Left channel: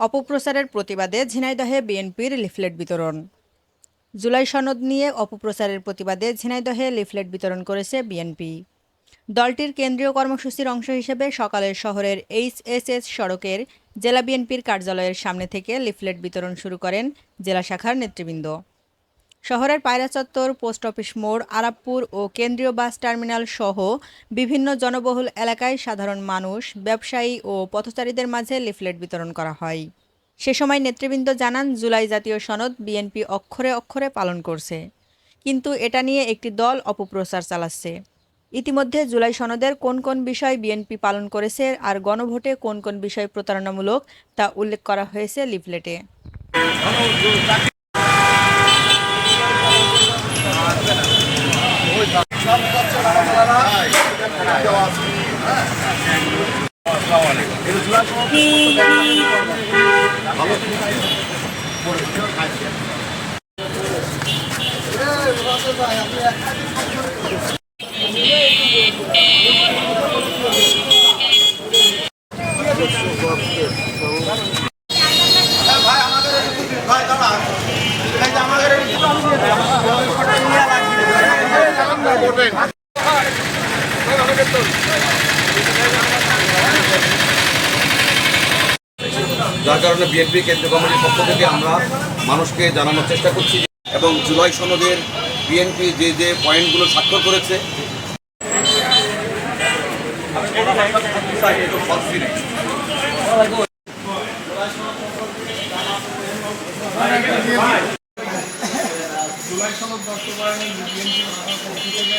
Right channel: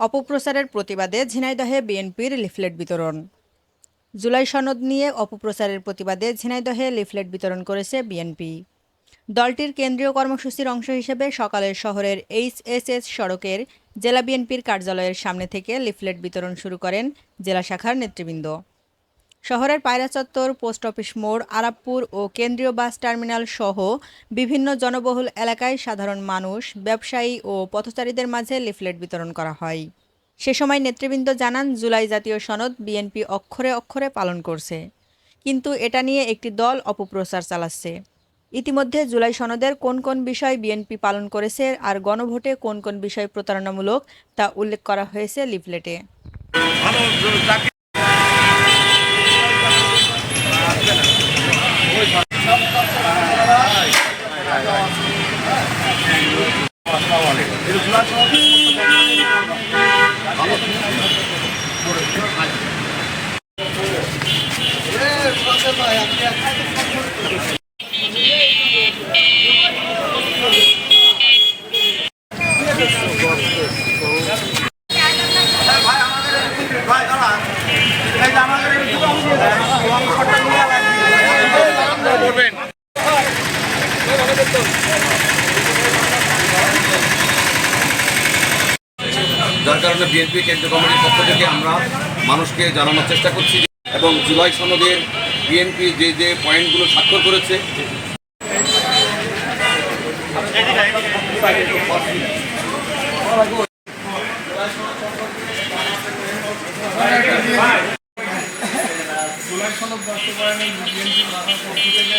অপপ্রচারের প্রতিবাদে ঝিনাইদহে বিএনপির লিফলেট বিতরণ। জুলাই সনদ নিয়ে অপপ্রচারের প্রতিবাদে ঝিনাইদহে লিফলেট বিতরণ করেছে বিএনপি। দলটির কেন্দ্রীয় কর্মসূচির অংশ হিসেবে সকালে শহরের এইচএসএস সড়কের জেলা বিএনপির কার্যালয়ের সামনে থেকে লিফলেট বিতরণ শুরু করেন জেলা শাখার নেতৃবৃন্দ। শহরের পায়রা চত্বর, পোস্ট অফিস মোড়, আরাবপুর ও কেন্দ্রীয় বাস টার্মিনাল সহ বিভিন্ন জনবহুল এলাকায় সাধারণ মানুষ, ব্যবসায়ী ও পথচারীদের মাঝে লিফলেট বিতরণ করা হয়। সে সময় নেতৃবৃন্দ জানান, জুলাই জাতীয় সনদ বিএনপি অক্ষরে অক্ষরে পালন করছে, কিন্তু এটা নিয়ে একটি দল অপপ্রচার চালাচ্ছে। ইতিমধ্যে জুলাই সনদের কোন কোন বিষয় বিএনপি পালন করেছে আর গণভোটে কোন কোন বিষয় প্রতারণামূলক তা উল্লেখ করা হয়েছে লিফলেটে। যার কারণে বিএনপি কেন্দ্রীয় কমিটির পক্ষ থেকে আমরা মানুষকে জানানোর চেষ্টা করছি এবং জুলাই সনদের বিএনপি যে যে পয়েন্টগুলো স্বাক্ষর করেছে জুলাই সনদ বাস্তবায়নে বিএনপি মাথার পক্ষ থেকে